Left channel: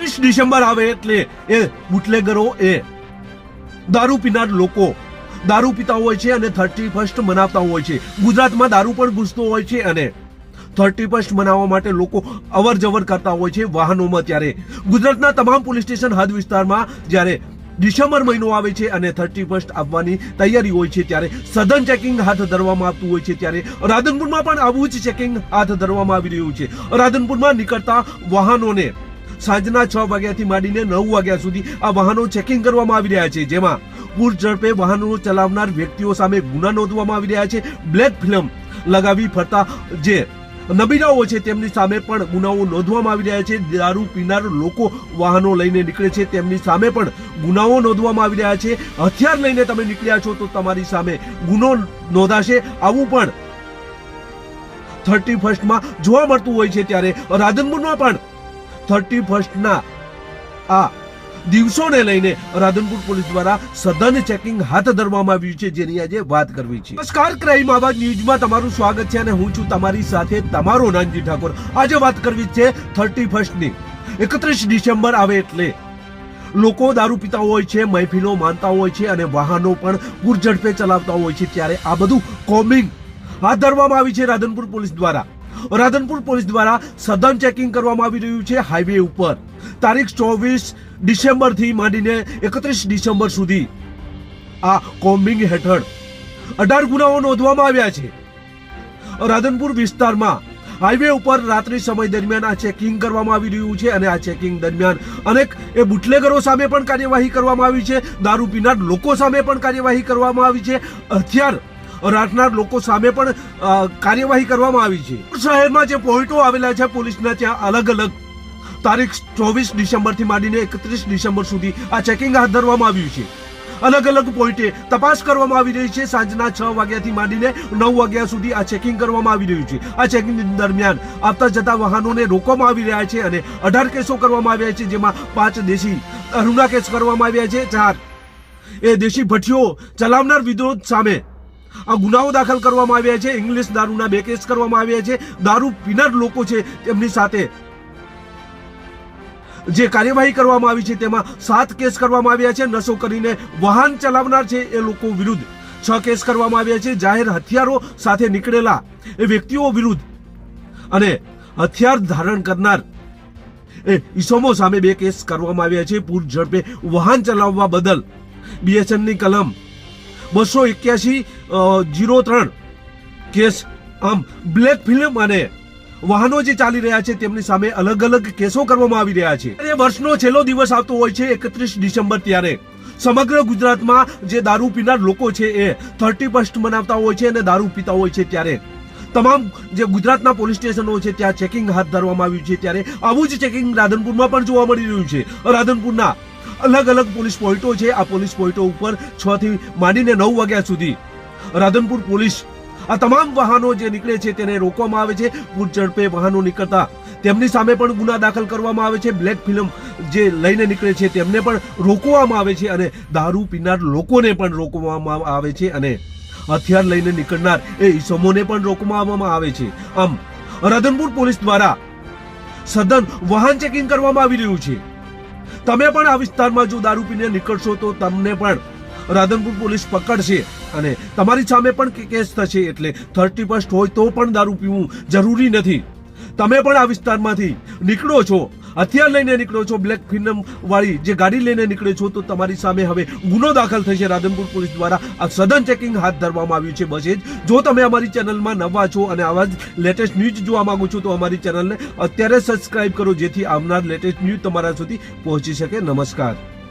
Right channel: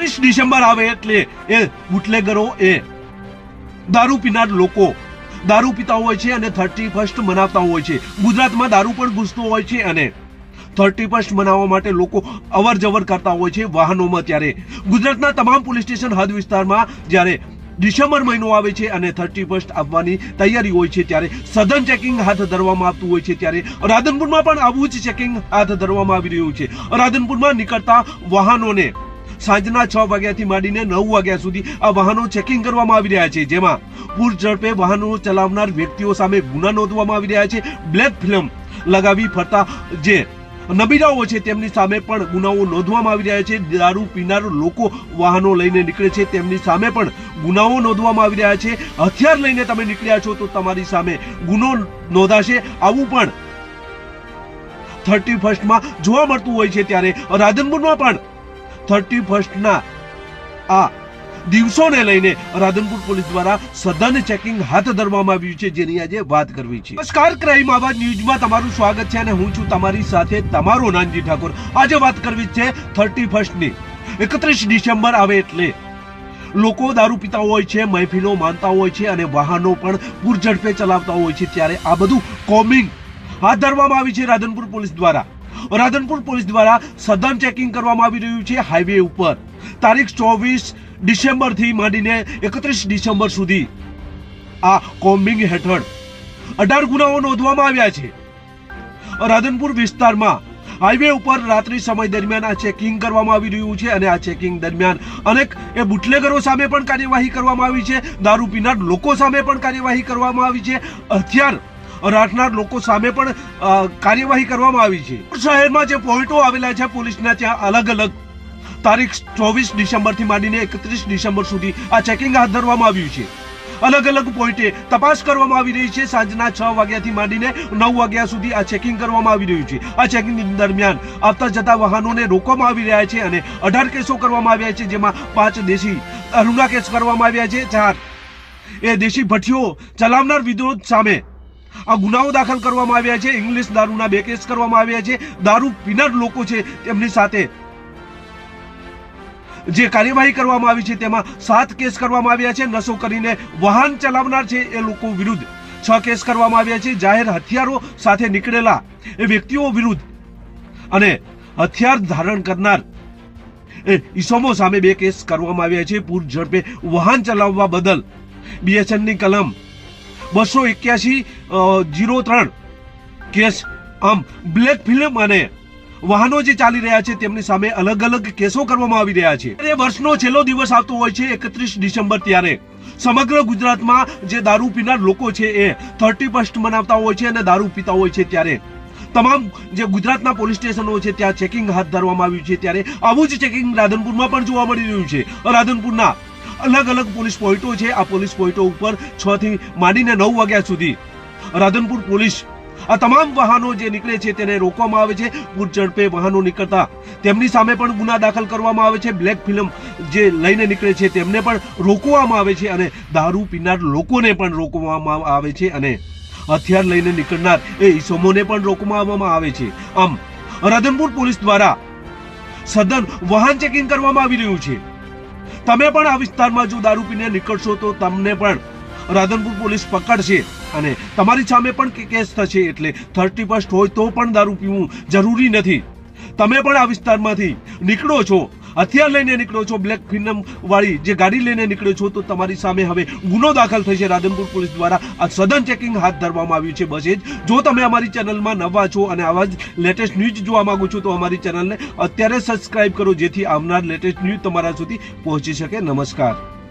30 December આવે એટલે એ બુટલેગરો એ દારૂ પીનાર લોકો દારૂ પીતા હોય છે અને 31st મનાવતા હોય છે. ગુજરાતમાં દારૂ પણ ઘૂસતો હોય છે અને 31st મનાવવા માટે લોકો અવર જવર કરતા હોય છે વાહનોમાં. ત્યારે ગુજરાતના તમામ પોલીસ સ્ટેશન હદ વિસ્તારમાં જ્યારે ડિસેમ્બર મહિનો આવે છે અને 31st આવવાની તૈયારી હોય છે ત્યારે સઘન ચેકિંગ હાથ ધરવામાં આવતું હોય છે. ત્યારે રાધનપુરમાં પણ આવું જ ચેકિંગ હાથ ધરવામાં આવી રહ્યું છે. રાધનપુરમાં નીકળતા વાહનોને સાંજના 6 વાગ્યાથી માંડીને 9 વાગ્યા સુધી આ વાહનો ચેકિંગ કરવામાં આવી રહ્યા છે, જેમાં પૂર ઝડપે વાહનો ચલાવનાર વ્યક્તિઓ સામે ગુના નોંધવામાં આવી રહ્યા છે. બ્લેક ફિલ્મ લગાવી ફરતા જે નબીરાઓ છે તેમની સામે પણ ગુનાઓ નોંધવામાં આવી રહ્યા છે. દારૂ પીનાર લોકો વાહનો લઈને નીકળે છે તેમની સામે પણ ગુનાઓ નોંધવામાં આવી રહ્યા છે. હથિયાર લઈને તમે નીકળ્યા છો તો તમારી સામે ગુનો નોંધાશે, આવું પણ 31st જોવા મળતું હોય છે. ત્યારે રાધનપુરમાં પણ 31st આ દિવસોને લઈને રાધનપુર પોલીસ દ્વારા સઘન ચેકિંગ હાથ ધરવામાં આવ્યું છે, જેની આજે વાત કરવી છે. નમસ્કાર, ક્રાઇમ આવાજ ન્યૂઝમાં તમારું સ્વાગત છે અને હું છું તમારી સાથે તમારો નાનજી ઠાકોર. આજે વાત કરવી છે 31st 31 ડિસેમ્બર આવે એટલે લોકો દારૂ પીતા હોય છે, મહેફિલો માનતા હોય છે અને વાહનો પણ પૂર ઝડપે ચલાવતા હોય છે. ત્યારે આ બધું કોમિંગ હાથ ધરવામાં આવી છે રાધનપુર પોલીસ દ્વારા. રાધનપુર પોલીસ દ્વારા સઘન ચેકિંગ કરવામાં આવી રહ્યું છે હાઈવે ઉપર. તારીખ 24 ડિસેમ્બરથી માંડીને 31 ડિસેમ્બર સુધી આ કોમ્બિંગ હેઠળ 18 ગુનાઓ નોંધવામાં આવ્યા છે. રાધનપુર વિસ્તારમાં હાઈવે ઉપર રાત્રિ સમય દરમિયાન આ ચેકિંગ કરવામાં આવી રહ્યું છે અને આ ચેકિંગ દરમિયાન અનેક બુટલેગરો સામે પણ કાર્યવાહી કરવામાં આવી છે. દારૂ પીનાર લોકો સામે પણ કાર્યવાહી કરવામાં આવી છે. હથિયાર રાખનાર લોકો સામે પણ કાર્યવાહી કરવામાં આવી છે. શહેરમાં જે પોઈન્ટો આવેલા છે પોલીસના, ત્યાં અલગ અલગ તારીખ 24 ડિસેમ્બરથી માંડીને 31 ડિસેમ્બર સુધી આ ચેકિંગ હાથ ધરવામાં આવ્યું છે. અલગ અલગ પોઈન્ટે તપાસ કરવામાં આવી રહી છે. સાંજના 6 વાગ્યાથી માંડીને 9 વાગ્યા સુધી આ ચેકિંગ કરવામાં આવી રહ્યું છે. આ ચેકિંગ દરમિયાન આવતા જતા વાહનોને રોકવામાં આવી રહ્યા છે અને 18 કેસો કરવામાં આવ્યા છે, જેમાં 5 દેશી દારૂના કેસ કરવામાં આવ્યા છે. 4 દેશી ભઠ્ઠીઓ ચલાવનાર વિરોધ સામે આ ગુનાઓ દાખલ કરવામાં આવ્યા છે. ઇંગ્લિશ દારૂના 2 કેસ કરવામાં આવ્યા છે. દારૂ પીનાર લોકો છે તેમની સાથે જે કાર્યવાહી કરવામાં આવી છે તેમાં 7 કેસ કરવામાં આવ્યા છે. નશો કરીને વાહન ચલાવનાર છે એ લોકો વિરુદ્ધ 6 કેસ કરવામાં આવ્યા છે. જાહેર હથિયારો સાથે નીકળેલા એ વ્યક્તિઓ વિરુદ્ધ અને હથિયાર ધારણ કરનાર એ ઈસમો સામે 2 કેસ કરવામાં આવ્યા છે. પૂર ઝડપે વાહન ચલાવવા બદલ BSNની કલમ 281-03 કેસ. આમ બ્લેક ફિલ્મ અને વાહનો જે ચાલી રહ્યા છે તેમની સામે અલગ અલગ કેસો કરવામાં આવી રહ્યા છે. એ વર્ષનો છેલ્લો દિવસ આવતો હોય છે 31 ડિસેમ્બર. ત્યારે સમગ્ર ગુજરાતમાં જે દારૂ પીનાર લોકો છે એ 31st મનાવતા હોય છે અને દારૂ પીતા હોય છે. ત્યારે તમામ જે ગુજરાતના પોલીસ સ્ટેશનો છે ત્યાં ચેકિંગ હાથ ધરવામાં આવ્યું છે. ત્યારે આવું જ ચેકિંગ રાધનપુરમાં પણ જોવા મળી રહ્યું છે. રાધનપુરના અલગ અલગ પોલીસ પોઈન્ટો છે. આ પોલીસ પોઈન્ટો ઉપર 6 થી માંડીને 9 વાગ્યા સુધી રાધનપુર પોલીસ આ તમામ વાહનો જે નીકળે છે તેને રોકવામાં આવે છે. પૂર ઝડપે વાહનો નીકળતા તેમની સામે પણ ગુના દાખલ કરવામાં આવે છે. બ્લેક ફિલ્મ જે લઈને નીકળે છે તેમને પણ રોકવામાં આવે છે અને દારૂ પીનાર લોકોને પણ રોકવામાં આવે છે અને હથિયાર લઈને નીકળનાર એ ઈસમોને પણ રોકવામાં આવે છે. આમ રાધનપુર પોલીસ દ્વારા સઘન વાહન ચેકિંગ કરવામાં આવી રહ્યું છે. તમે પણ આ વિસ્તારમાં જો દારૂ પીને નીકળશો તો તમને પણ રાધનપુર પોલીસ પકડશે અને તમારી સામે પણ કેસ થશે. એટલે 31st હોય તો પણ દારૂ પીવું જરૂરી નથી. તમે પણ આ વિસ્તારમાંથી નીકળો છો, હથિયાર લઈને નીકળો છો, બ્લેક ફિલ્મ વાળી જે ગાડી લઈને નીકળો છો તો તમારી સામે હવે ગુનો દાખલ થશે. રાધનપુર પોલીસ દ્વારા આ સઘન ચેકિંગ હાથ ધરવામાં આવ્યું છે. બસ એ જ. જો તમે અમારી ચેનલમાં નવા છો અને આવા જ લેટેસ્ટ ન્યૂઝ જોવા માંગો છો તો અમારી ચેનલને અત્યારે સબસ્ક્રાઇબ કરો, જેથી આવનાર લેટેસ્ટ ન્યૂઝ તમારા સુધી પહોંચી શકે. નમસ્કાર.